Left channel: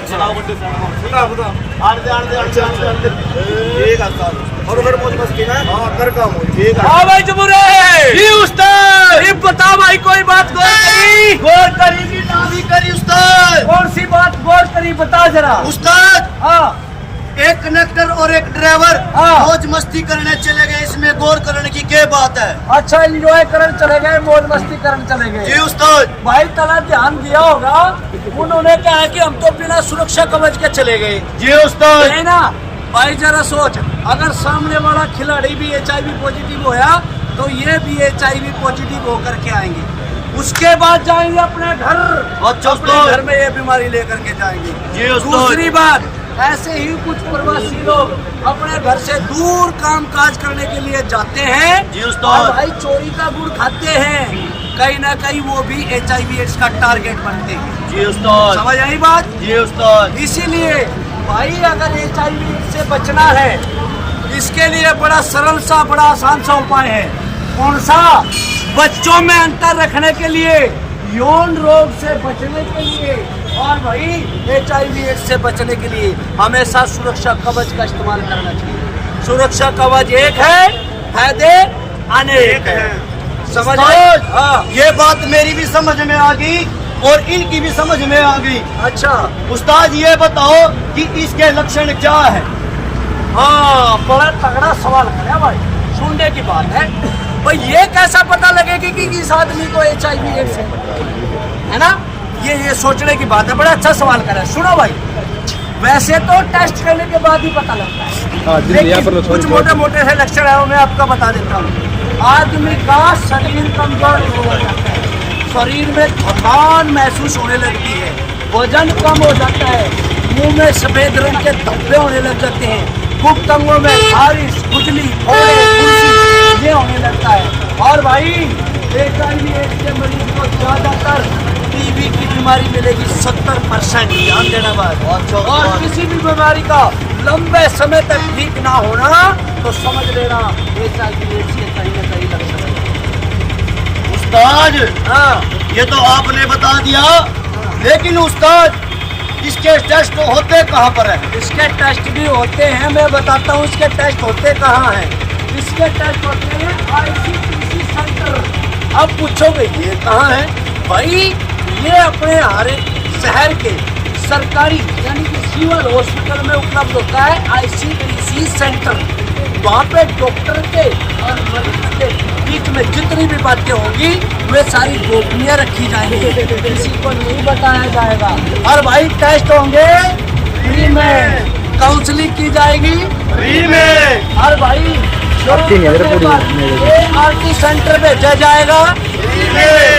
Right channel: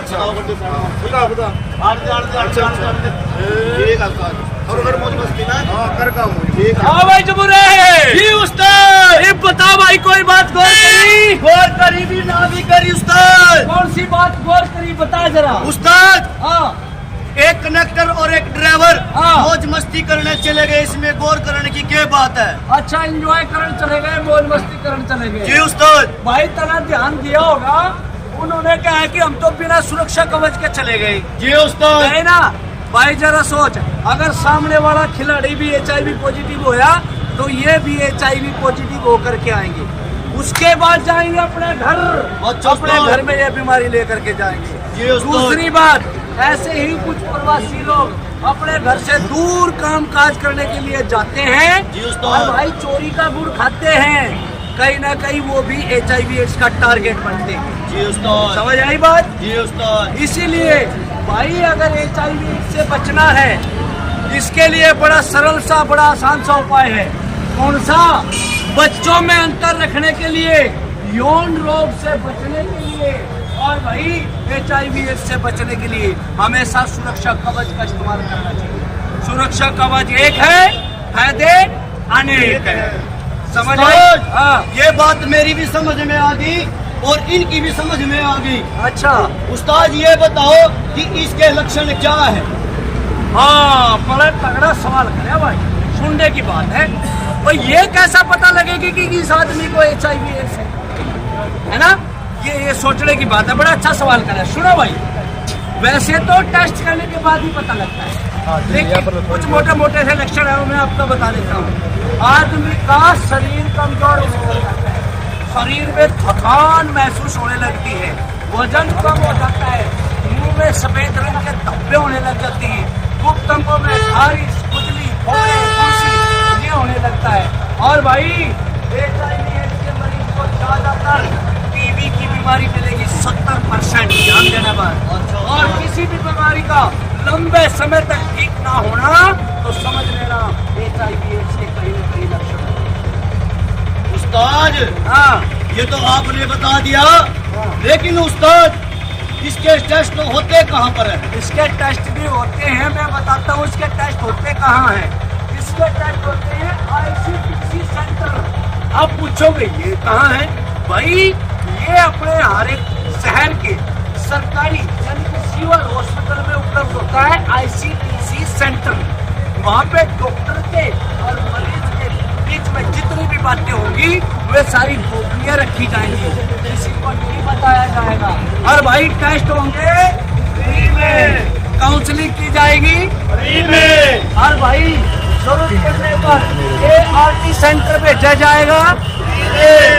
अच्छा बता बता ठीक है उस्ताद और फिर मौज मस्ती में हां कर का मौज ठीक है हाँ भाई जबूरे जी उस्ताद ये बता भाई कोई बात गौर करी भी ना भी करी उस्ताद कौन सी बात गौर करी बता जरा उस्ताद हाँ एक कनेक्टर और एक ड्राइवर हाँ। मौज मस्ती करने चले गए, इसमें गौर करने की क्या बात है? अच्छा एंजॉय करने चले गए, मौज मस्ती करने चले गए। जी उस्ताद भाई तना ध्यान दिया होगा, उन्होंने कहा है कि हम तो बिना सुरक्षा कवच के चले गए। जी उस्ताद है ना भाई, जरा सोच, अगर सामने वाला खिलाड़ी भी HIV पॉजिटिव होया तो ये भी HIV पॉजिटिव होकर के आएंगे, उसके बाद जाएंगे अपने घर, अच्छा अपने उस्ताद। घर में ये बीमारी लेकर के जाएंगे। जी उस्ताद। दूसरी बात, ऐसे ही कुछ प्रवासी लोग अपने घर से दूर काम काज करने के लिए जाते हैं जी उस्ताद। और भाई चोरी का गुड़ खाते हैं, कहीं ना कहीं वो भी HIV एड्स का टारगेट बनते हैं। जी उस्ताद समझ आई बात? जी उस्ताद इसीलिए भाई अगर HIV से बचना है, इसके लिए बड़ा सरल सा बड़ा आसान सा उपाय है। कौन सा? बच्चों में अंतर रखने के लिए, यौन रोग से बचने के लिए और भाई HIV एड्स से बचने के लिए हमेशा सुरक्षा कवच का इस्तेमाल करना चाहिए। सुरक्षा कवच एक है, फायदे अनेक है। समझ आई? उस्ताद, हाँ। ये बात मेरी भी समझ में आ गई और इनकी भी समझ में आ गई। अच्छा उस्ताद ये बताओ कि इसके लक्षण क्या है? हाँ, बड़ा तगड़ा सवाल करे भाई, सुनने की बात है। और ये कैसा पता लगेगी कि इस आदमी को HIV एड्स है ना? ये सोचने की बात है, बड़ा अच्छा सवाल करा। सुनो भाई, वैसे तो टेस्ट करने के बाद ही पता लगता है, लेकिन कुछ मोटे मोटे से लक्षण है, वो मैं आपको बता देता हूँ। आदमी का शरीर कमजोर होने लग जाता है, शरीर में थकान महसूस होने लगती है, वजन कम हो जाता है, मुंह में सफेद रंग के धब्बे होने लग जाते हैं, गुप्त अंगों में खारिश, खुजली, फोड़े, फुंसी ये होने लगता है। और भाई HIV एड्स के मरीज को ज्यादातर TB की बीमारी मिलेगी 70%, ध्यान देना बात। और किसी भी बीमारी का लंबे समय तक ठीक ना होना तो समझ लेना HIV एड्स के कहीं ना कहीं लक्षण है। उस्ताद हाँ ये तो आपने बता दिया, लेकिन उस्ताद इसके टेस्ट होते कहाँ पर है? इसके टेस्ट भी होते हैं, मैं बताता हूँ इसके टेस्ट होते कहाँ हैं। इसके टेस्ट होते हैं ICPC सेंटर। अब पूछोगे ये कहाँ है? भाई ये अपने हर एक शहर के सरकारी यानी कि सिविल हॉस्पिटल में उपलब्ध होता है ICPC सेंटर। वहाँ पे डॉक्टर के और मरीज के बीच में जितनी भी बातें होंगी वे सारी गोपनीय रखी जाएंगी, किसी को नहीं बताया जाएगा। और भाई टेस्ट होंगे फ्री में, काउंसलिंग की जाएगी फ्री में। और भाई ART सेंटर भेजा जाएगा,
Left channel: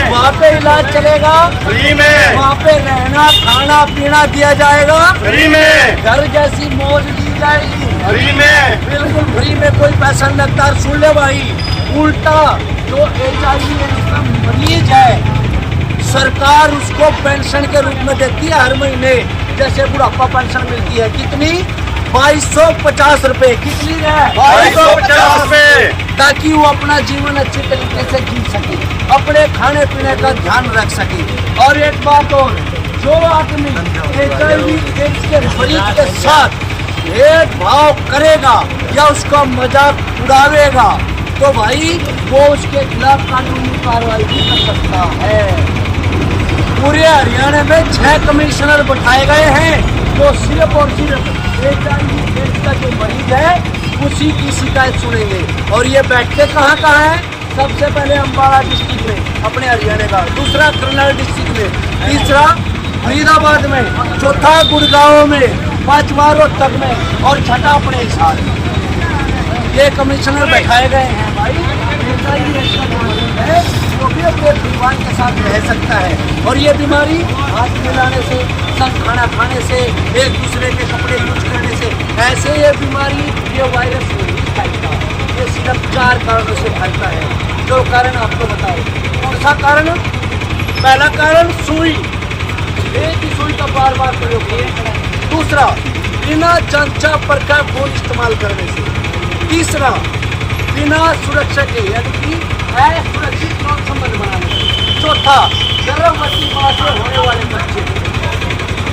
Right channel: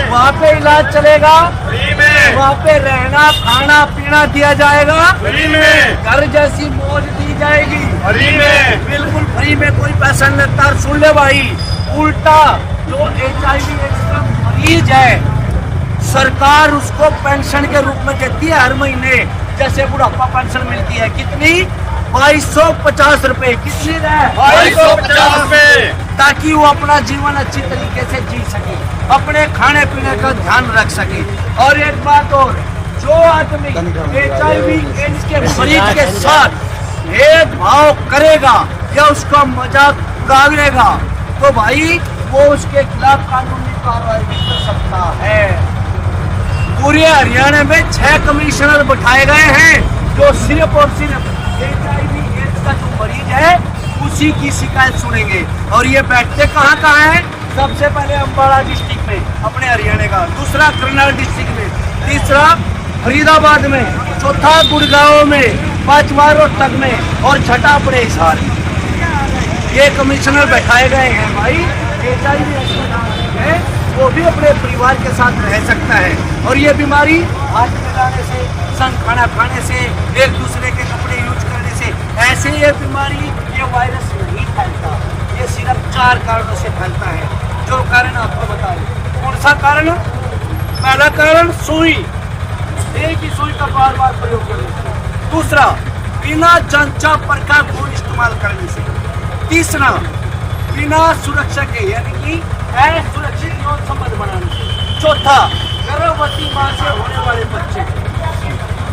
वहाँ पे इलाज चलेगा, फ्री में। वहाँ पे रहना खाना पीना दिया जाएगा, फ्री में। घर जैसी मौज दी जाएगी, फ्री में। बिल्कुल फ्री में, कोई पैसा नहीं लगता। और सुन ले भाई, उल्टा जो HIV एड्स का मरीज है सरकार उसको पेंशन के रूप में देती है हर महीने, जैसे बुढ़ापा पेंशन मिलती है। कितनी? 2250 रुपए। कितनी है? 2250 रुपए, ताकि वो अपना जीवन अच्छी तरीके से जी सके, अपने खाने पीने का ध्यान रख सके। और एक बात और, जो आदमी HIV एड्स के मरीज के साथ भेदभाव करेगा या उसका मजाक उड़ावेगा तो भाई वो उसके खिलाफ कानूनी कार्रवाई भी कर सकता है। पूरे हरियाणा में 6 कमिश्नर बिठाए गए हैं जो सिर्फ और सिर्फ HIV एड्स का जो मरीज है उसी की शिकायत सुनेंगे। और ये बैठते कहाँ कहाँ हैं? सबसे पहले अम्बाला डिस्ट्रिक्ट में अपने हरियाणा का, दूसरा करनाल डिस्ट्रिक्ट में, तीसरा फरीदाबाद में, चौथा गुड़गांव में, पांचवा रोहतक में और छठा अपने हिसार में। ये कमिश्नर बैठाए गए हैं भाई। HIV एड्स का जो मरीज है वो भी अपने परिवार के साथ रह सकता है। और ये बीमारी हाथ मिलाने से, संग खाना खाने से, एक दूसरे के कपड़े यूज करने से, ऐसे ये बीमारी, ये वायरस नहीं फैलता। ये सिर्फ 4 कारणों से फैलता है, जो कारण आपको बताए। कौन सा कारण? पहला कारण सुई, एक ही सुई का बार बार प्रयोग करने से। दूसरा, बिना जांचा परखा खून इस्तेमाल करने से। तीसरा, बिना सुरक्षा के यानी कि असुरक्षित यौन संबंध बनाने से। चौथा, गर्भवती मां से होने वाले बच्चे।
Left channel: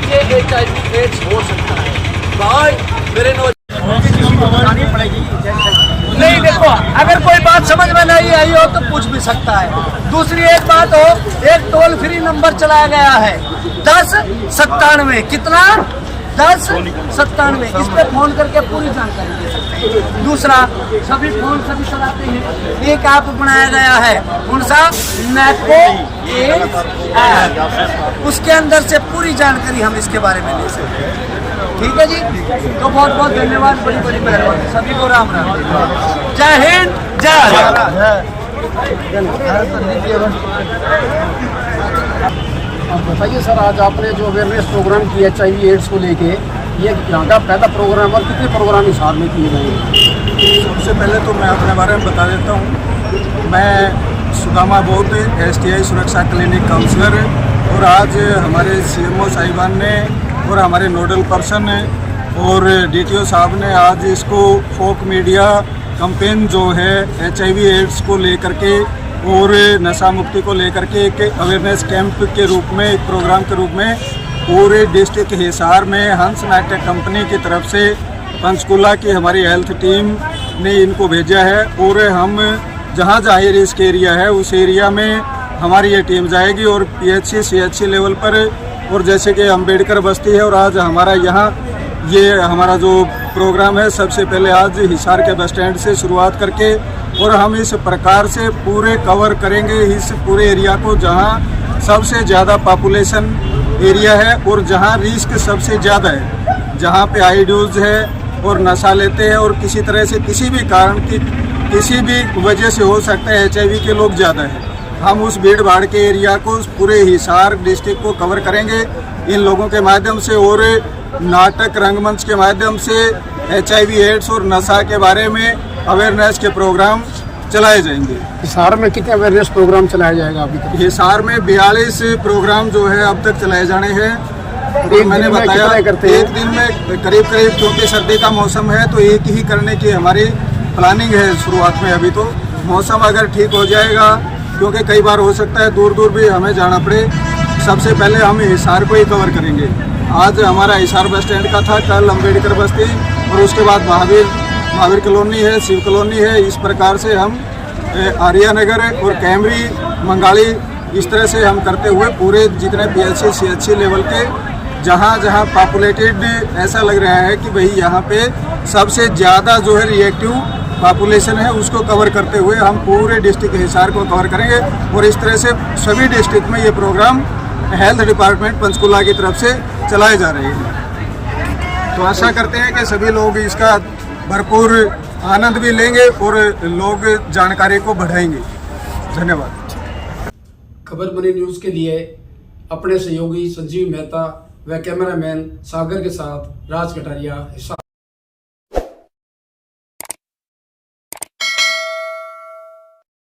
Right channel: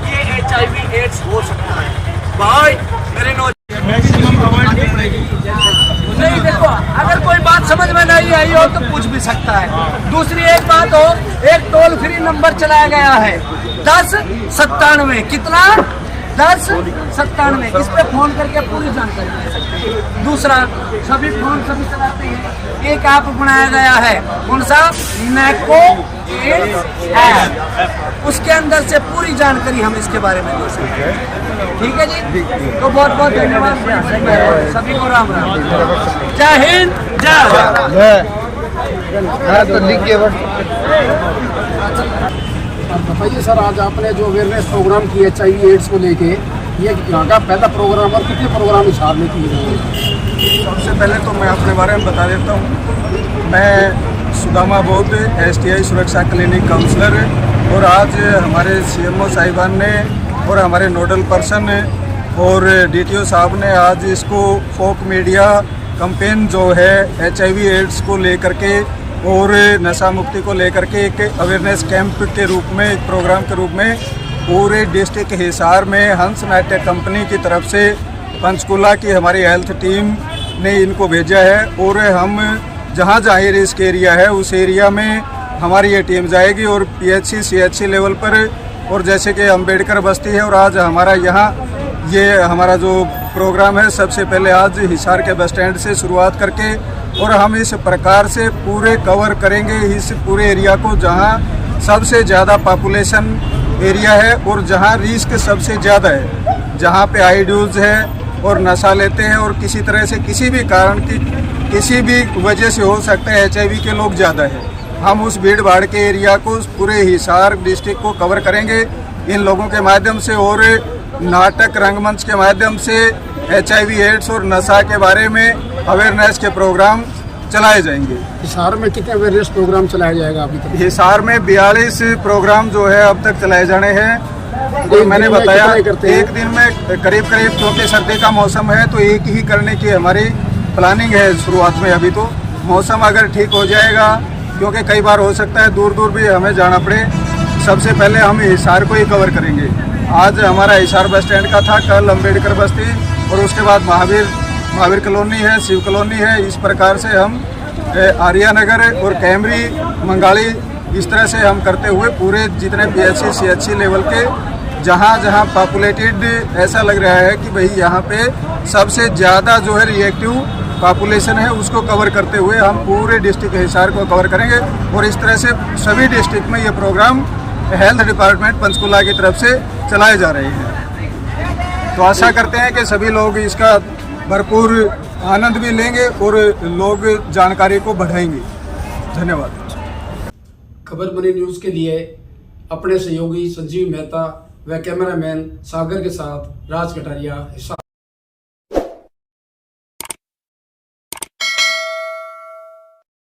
ये HIV एड्स हो सकता है। भाई मेरे नहीं, देखो अगर कोई बात समझ में नहीं आई हो तो पूछ भी सकता है। दूसरी एक बात हो, एक टोल फ्री नंबर चलाया गया है 1097। कितना? 1097। इस पे फोन करके पूरी जानकारी ले सकते हैं। दूसरा, सभी फोन सभी चलाते हैं, एक ऐप बनाया गया है, कौन सा? नैको एड्स ऐप। उसके अंदर से पूरी जानकारी हम इसके बारे में ले सकते हैं। ठीक है जी, तो बहुत बहुत धन्यवाद, बड़ी बड़ी मेहरबानी, सभी को राम राम, जय हिंद, जय भारत। बताइए सर, आज आपने जो अवेयरनेस प्रोग्राम किया HIV एड्स को लेके, ये यहाँ का पहला प्रोग्राम और कितने प्रोग्राम हिसाब में किए गए हैं? सबसे पहले तो मैं अपने बारे में बता देता हूँ। मैं सुदामा बौद्ध STI सुरक्षा क्लिनिक काउंसलर, और आज हमारे CMO साहिबान ने और हमारे नोडल पर्सन और DTO साहब ने आज इसको फोक मीडिया कैंपेन जो है HIV एड्स को लेकर के और नशा मुक्ति को लेकर के एक अवेयरनेस कैंप के रूप में, एक प्रोग्राम के रूप में पूरे डिस्ट्रिक्ट हिसार में हंस नाट्य कंपनी की तरफ से पंचकुला की हमारी हेल्थ टीम ने इनको भेजा है। और हम जहाँ जहाँ ये रिस्क एरिया है उस एरिया में हमारी ये टीम जाएगी और PHC CHC लेवल पर, और जैसे कि अम्बेडकर बस्ती है और आज हमारा यहाँ ये हमारा जो प्रोग्राम है, सबसे पहले आज हिसार के बस स्टैंड से शुरुआत करके और हम इस प्रकार से पूरे कवर करेंगे इस पूरे एरिया को जहाँ सबसे ज़्यादा पॉपुलेशन एरिया है और जहाँ रिस्क सबसे ज़्यादा है, जहाँ पे आईड्यूज है और नशा लेते हैं और किसी तरह से किसी भी कारण की किसी भी वजह से हो सकता है HIV के लोग ज़्यादा है। हम उस भीड़ भाड़ के एरिया को, पूरे हिसार डिस्ट्रिक्ट को कवर करेंगे इन लोगों के माध्यम से, और नाटक रंगमंच के माध्यम से HIV एड्स और नशा के बारे में अवेयरनेस के प्रोग्राम चलाए जाएंगे। हिसार में कितने अवेयरनेस प्रोग्राम चलाया जाएगा अभी तक? हिसार में 42 प्रोग्राम जो है अब तक चलाए जाने हैं। और मैंने बताया एक दिन में करीब करीब, क्योंकि सर्दी का मौसम है तो एक ही करने की हमारी प्लानिंग है शुरुआत में। अभी तो मौसम अगर ठीक हो जाएगा, क्योंकि कई बार हो सकता है दूर दूर भी हमें जाना पड़े, सबसे पहले हम हिसार को ही कवर करेंगे। आज हमारा हिसार बस स्टैंड का था, कल अम्बेडकर बस्ती, और उसके बाद महावीर कॉलोनी है, शिव कॉलोनी है। इस प्रकार से हम आर्यानगर और कैमरी, मंगाली, इस तरह से हम करते हुए पूरे जितने PHC CHC लेवल के जहाँ जहाँ पॉपुलेटेड ऐसा लग रहा है कि भाई यहाँ पे सबसे ज़्यादा जो है रिएक्टिव पॉपुलेशन है, उसको कवर करते हुए हम पूरे डिस्ट्रिक्ट हिसार को कवर करेंगे। और इस तरह से सभी डिस्ट्रिक्ट में ये प्रोग्राम हेल्थ डिपार्टमेंट पंचकुला की तरफ से चलाए जा रहे हैं। तो आशा करते हैं कि सभी लोग इसका भरपूर आनंद भी लेंगे और लोग जानकारी को बढ़ाएंगे। धन्यवाद। खबर बनी न्यूज़ के लिए अपने सहयोगी संजीव मेहता व कैमरामैन सागर के साथ राज कटारिया, हिसार।